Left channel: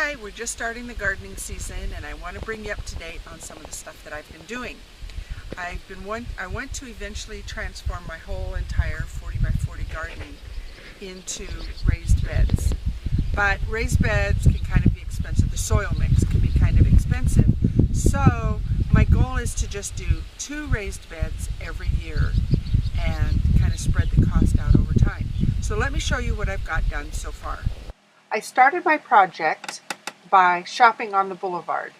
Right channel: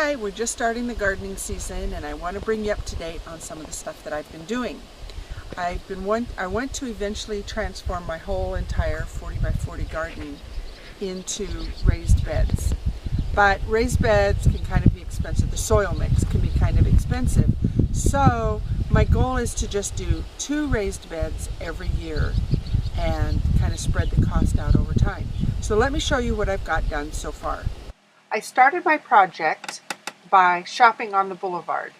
Hi, we're just starting the gardening season and I want to bring you up to date on some of the stuff that I've been doing. I want to eventually transform my whole entire 40 by 40 garden into raised beds. But raised beds can kind of be expensive. The soil mix can be kind of expensive. So my goal is to just do 2 raised beds every year and kind of spread the cost out over time. So let me show you what I've got done so far. I started my project by shopping on the boulevard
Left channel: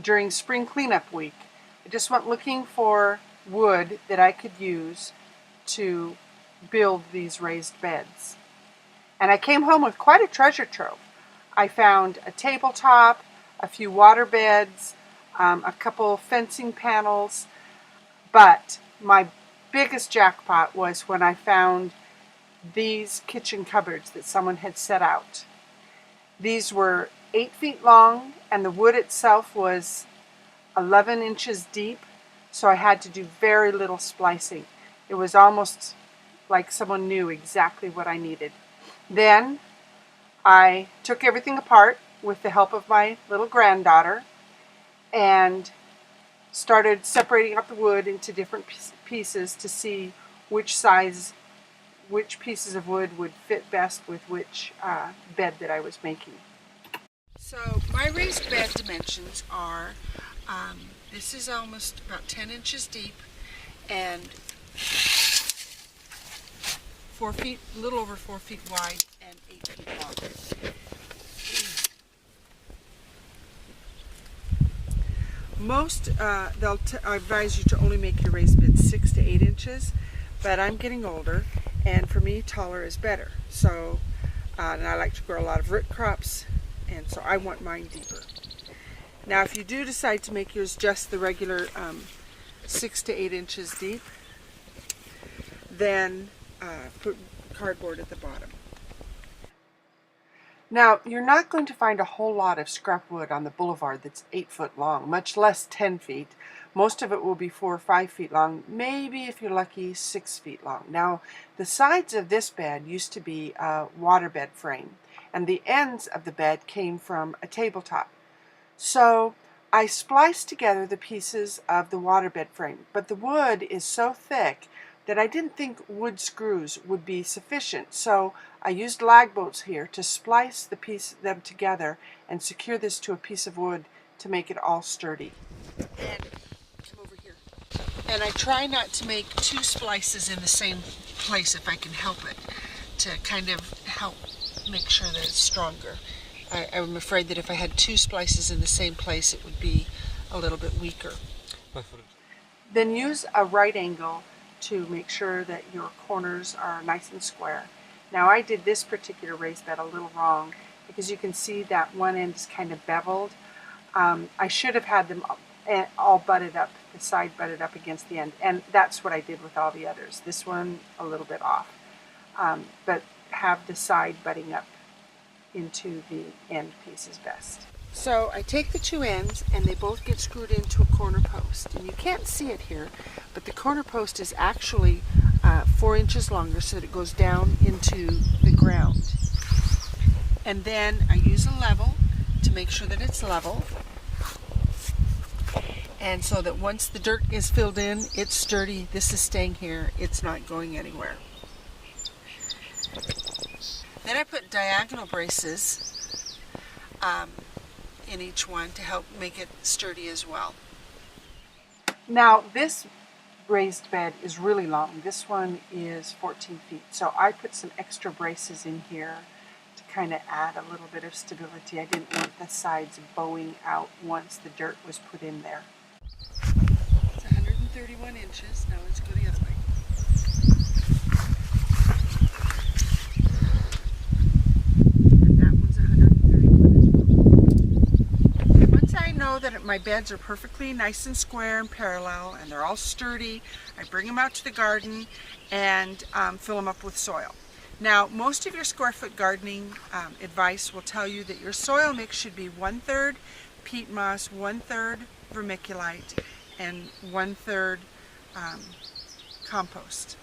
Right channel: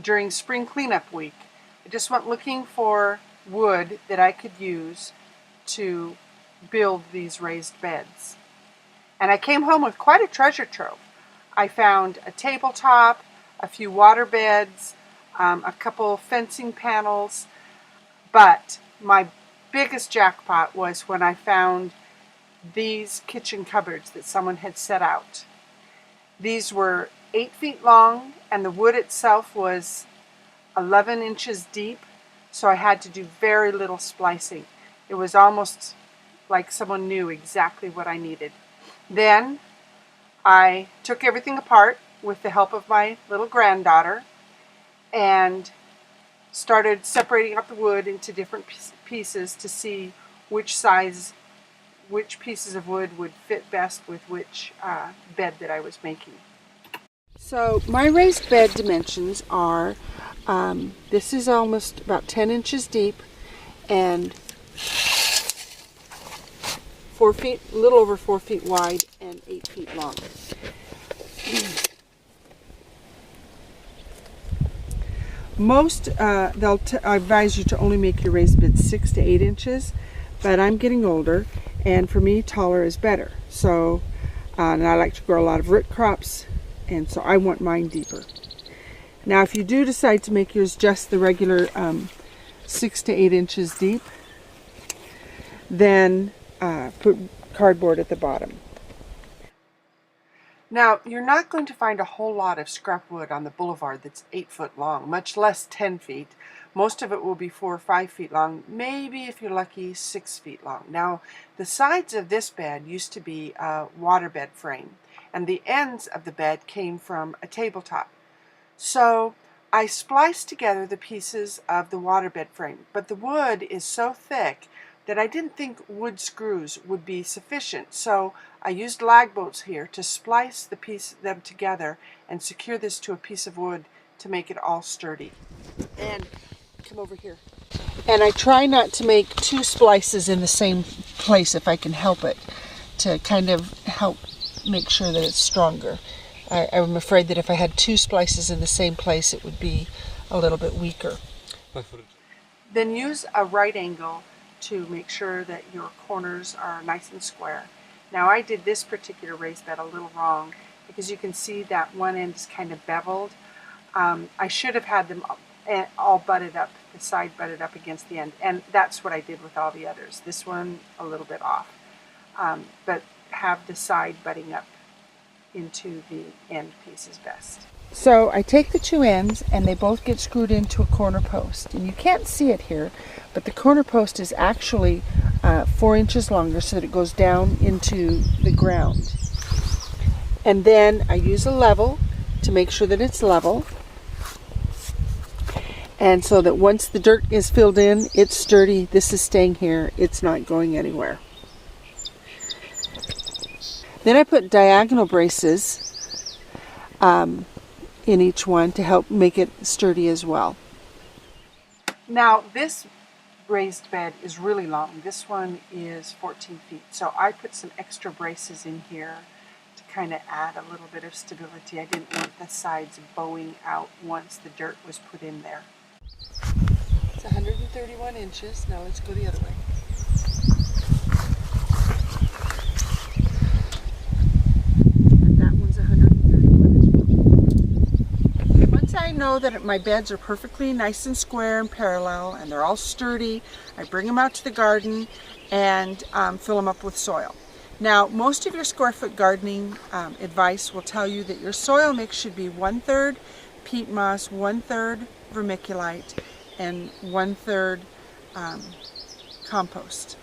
during spring cleanup week. I just went looking for wood that I could use to build these raised beds. And I came home with quite a treasure trove. I found a tabletop, a few water beds, a couple fencing panels, but my biggest jackpot was when I found these kitchen cupboards that someone had set out. These were 8 feet long and the wood itself was 11 inches deep, so I had to do very little splicing. It was almost like someone knew exactly what I needed. Then I took everything apart with the help of my little granddaughter and started separating out the wood into different pieces to see which pieces of wood would fit best with which bed that I was making. So my raised bed dimensions are, this is almost about 10 inches deep and 4 feet, a little over 4 feet wide and 8 feet long. Most, I advise you to only make your raised beds 6 to 8 inches, but I'm getting older and for me taller is better. So, and I like to grow a lot of root crops and so I want mine deeper. Now if you do decide to make yours just the regular 6 to 8 inches deep, then put cardboard at the bottom. Now, you're not going to find a whole lot of scrap wood on the boulevard that's 8 foot long, much less 10 feet. Most of it will be 4 or 5 feet long, maybe if you're lucky 6 feet long. Now, the sides of this bed used to be a waterbed frame, and the ends of the bed came from a tabletop. So I spliced together the pieces of the waterbed frame, but the wood is so thick that I didn't think wood screws would be sufficient. So I used lag bolts here to splice them together and secure this to a piece of wood to make it all sturdy. And come over here. And I try not to make 2 splices in the same place if I can help it, to kind of help make sure that it's stronger. I'm afraid that if I had 2 splices in the same place it would be a little bit weaker. Then use a right angle to make sure that your corners are nice and square. Now I did this particular raised bed a little wrong because you can see that one end is kind of beveled. I should have had them all butted up, the side butted up against the end, and that's what I did with all the others. This one a little bit off, but have the side butting up into the end piece is best. So I take the 2 ends and they both get screwed into a corner post, and you can't see it here, but the corner post is actually 4 inches longer so that it goes down into the ground. And then I use a level to make sure that it's level, and so that once the dirt is filled in, it's sturdy. This is staying here, it's not going anywhere. Then I put diagonal braces in each one to help make it sturdy as well. Now this raised bed is really long. This one is 14 feet. So I put some extra braces in here to kind of add a little bit of stability. I didn't want the sides bowing out once the dirt was put in there. It's 131 inches. Now let's go the other way. And that one's 131 as well. Once I know that my beds are perfectly nice and square and parallel and they're all sturdy, I bring them out to the garden and fill them up with soil. Now, most of your square foot gardening advice will tell you that your soil mix should be 1/3 peat moss, 1/3 vermiculite, and 1/3 compost.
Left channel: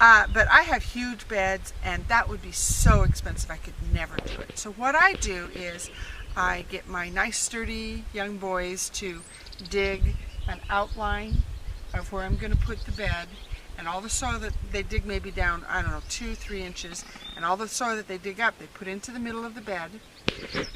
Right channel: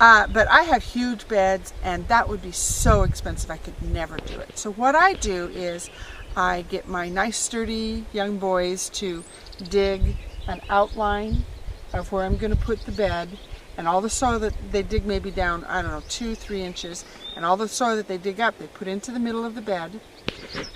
But I have huge beds, and that would be so expensive I could never do it. So what I do is I get my nice sturdy young boys to dig an outline of where I'm going to put the bed, and all the soil that they dig maybe down, I don't know, 2-3 inches, and all the soil that they dig up they put into the middle of the bed.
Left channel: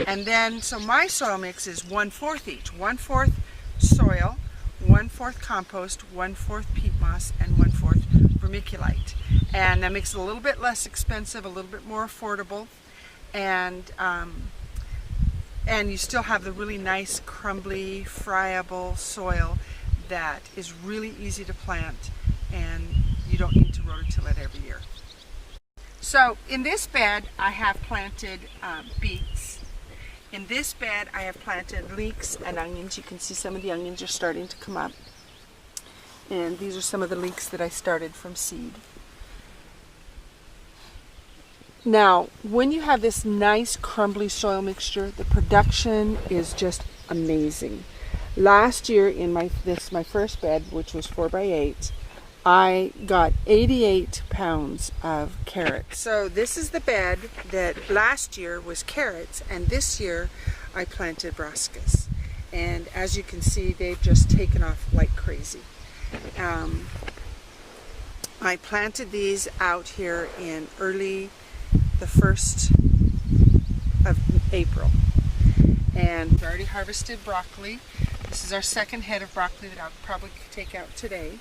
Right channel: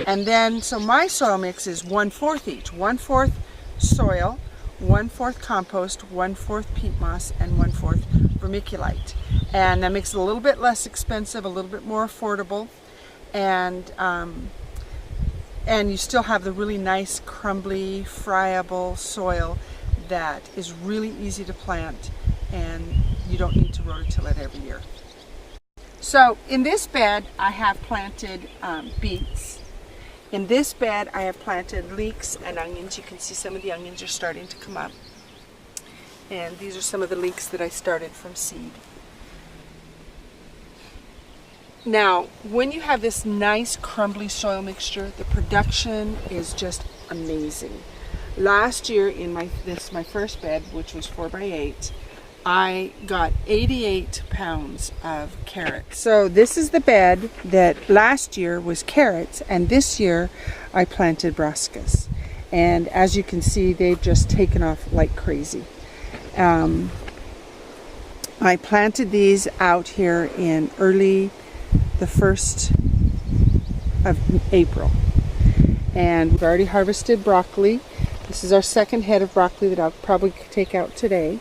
And then, so my soil mix is 1/4 each. 1/4 soil, 1/4 compost, 1/4 peat moss, and 1/4 vermiculite. And that makes it a little bit less expensive, a little bit more affordable, and you still have the really nice, crumbly, friable soil that is really easy to plant, and you don't need to rototill it every year. So in this bed I have planted beets. In this bed I have planted leeks and onions. You can see some of the onions are starting to come up. And these are some of the leeks that I started from seed. Now, when you have this nice crumbly soil mixture, the production is just amazing. Last year in my first bed, which was 4x8, I got 88 pounds of carrots. So this is the bed that last year was carrots, and this year I planted brassicas. And as you can see, they've just taken off like crazy. I planted these out here in the 1st of April. And we've already harvested broccoli. This is our second head of broccoli that I'll probably take out today.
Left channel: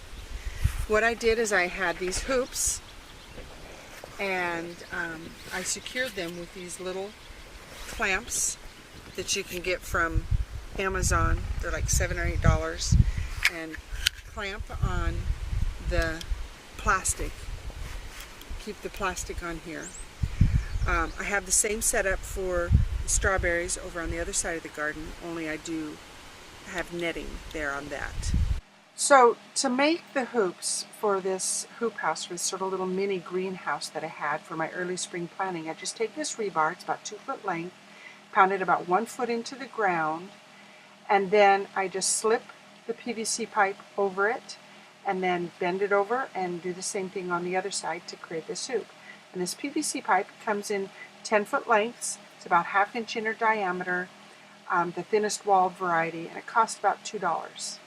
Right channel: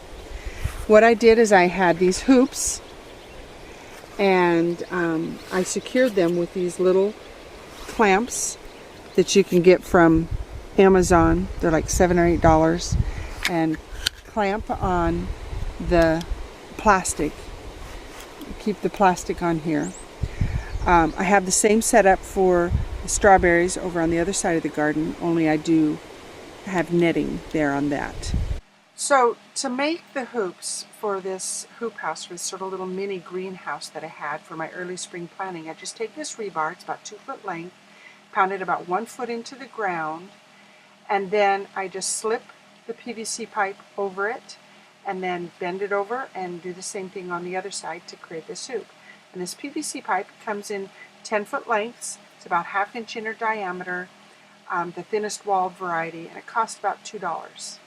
What I did is I had these hoops, and I secured them with these little clamps that you can get from Amazon. They're like $7 or $8, and clamp on the plastic. Keep the plastic on here. I have the same setup for the strawberries over on the other side of the garden, only I do have netting there on that. So to make the hoops for this hoop house, for this sort of little mini greenhouse that I had for my early spring planting, I just take this rebar, it's about 2 foot length, pound it about 1 foot into the ground, and then I just slip the PVC pipe over it, and then bend it over and do the same thing on the other side to create this hoop. And this PVC pipe comes in 10 foot lengths. It's about 1/2 inch inner diameter, the thinnest walled variety, and it costs about $2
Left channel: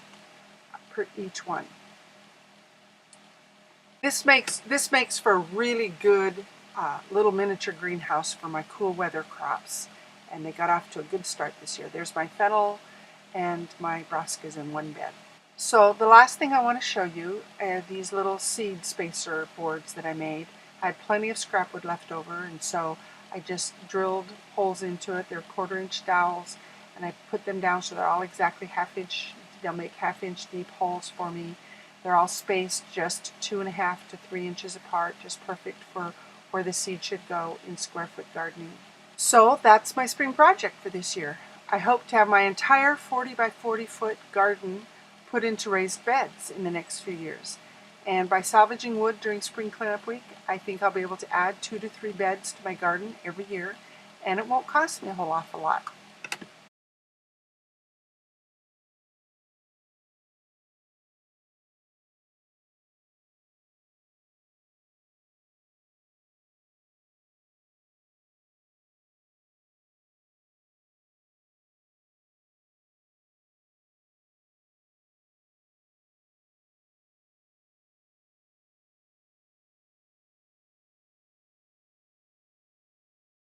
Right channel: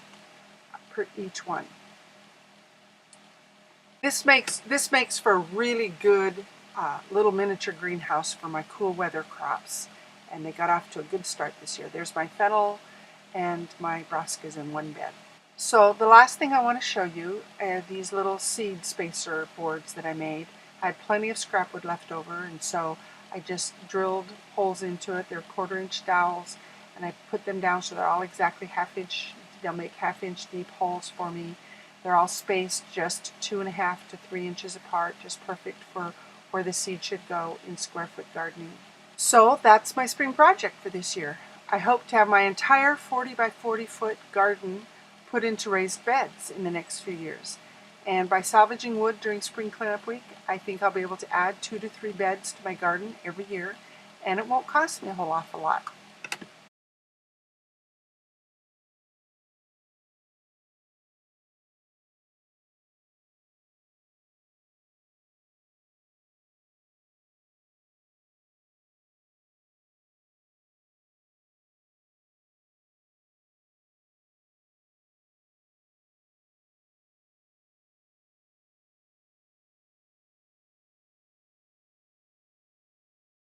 per each one. This makes for a really good little miniature greenhouse for my cool weather crops, and they got off to a good start this year. There's my fennel and my brassicas in one bed. So the last thing I want to show you are these little seed spacer boards that I made. I had plenty of scrap wood left over, and so I just drilled holes into it. They're 1/4 inch dowels, and I put them down so they're all exactly 1/2 inch. They'll make 1/2 inch deep holes for me. They're all spaced just 2.5 to 3 inches apart, just perfect for where the seed should go in square foot gardening. So that's my spring project for this year. I hope to have my entire 40 by 40 foot garden put into raised beds in the next few years. And by salvaging wood during spring cleanup week, I think I'll be able to add 2 to 3 beds to my garden every year, and it won't cost me a whole awful lot.